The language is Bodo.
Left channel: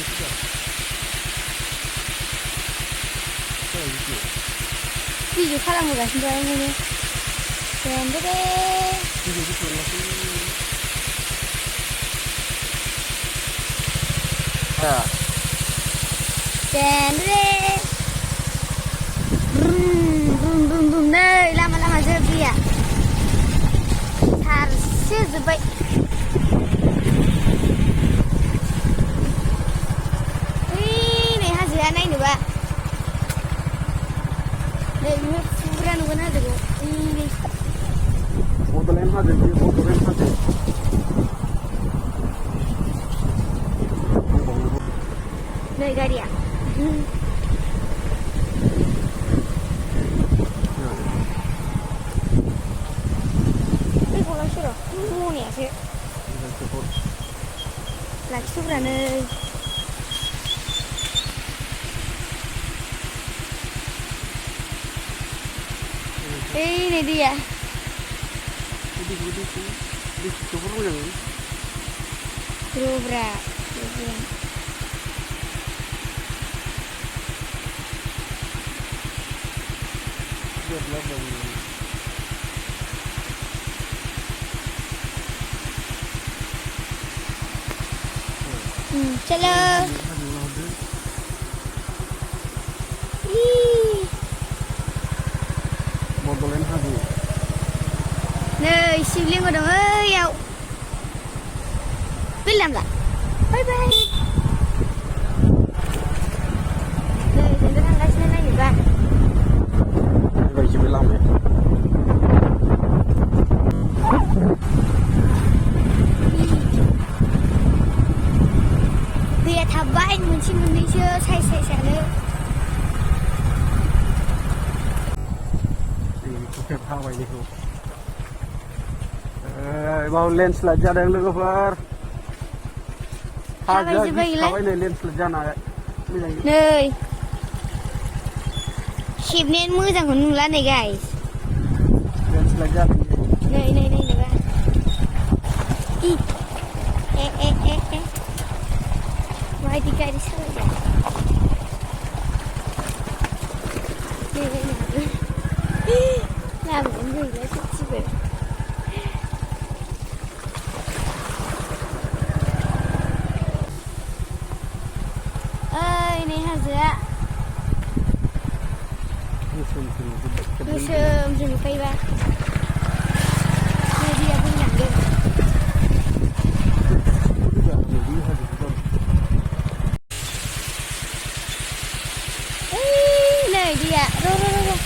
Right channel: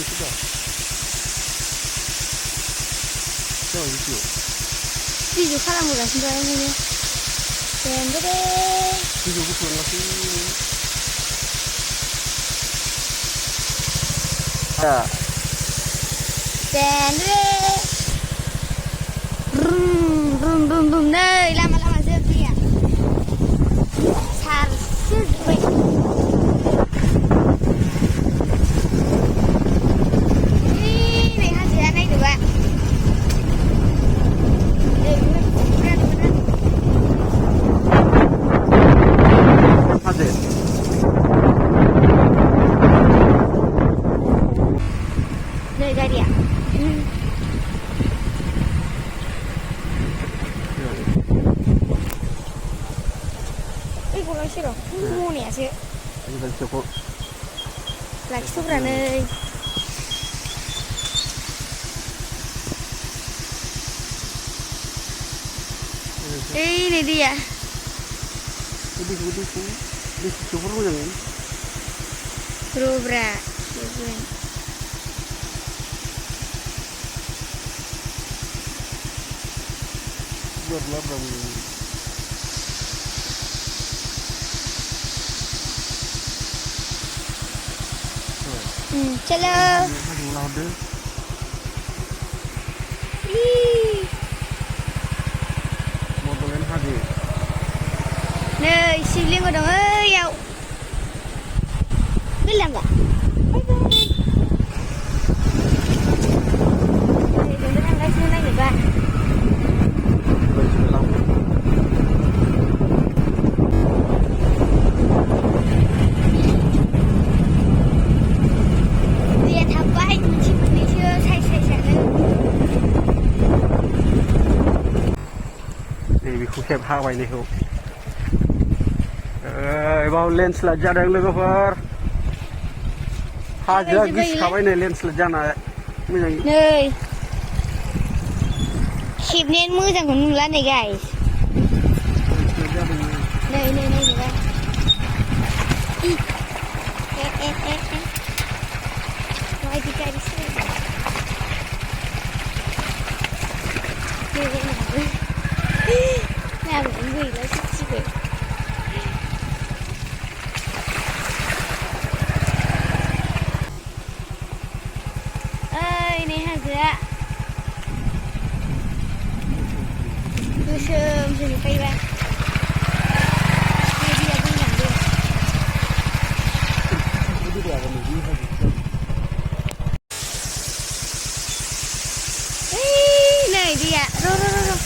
ini sudah. Video खालामगासिनो दं ओंखायनो देन्दे Video gitu lagi. Ya. देन्दे रुम नै लामा जोबदिया सारसे जोब्बाय नै हाजोआ नायनोबा नै बेयो फुरा नुगोन हाजोखौ नै गारिया गलांसै र' मनायासो लाखिथ'ब्रा नै नै दैया र'ब्रा चलो नै शिवलिंग दं ओइयाव बिलां गा बाय बाय नै जोंबो थांगासिनो नायनोबा दैया थाबबाय मोनसे मोननैसो साइसानो बेखौ खेब हाबाय बेखौ बाव लेन्डस्लाइड जादों लोगोफोर हाजोआ गिसिखाबाय नै लेन्डस्लाइड जानाय नै खेबनायानो मोजांखौ नुला नै गाइस लेन्डस्लाइड जादों नै नुबा माबायदि गारि सालायदों लामायानो गैला ससेबो नै हाजोआ गोसोमसो नुखायोबा नै दैया बोहैलांदों नै दैया र'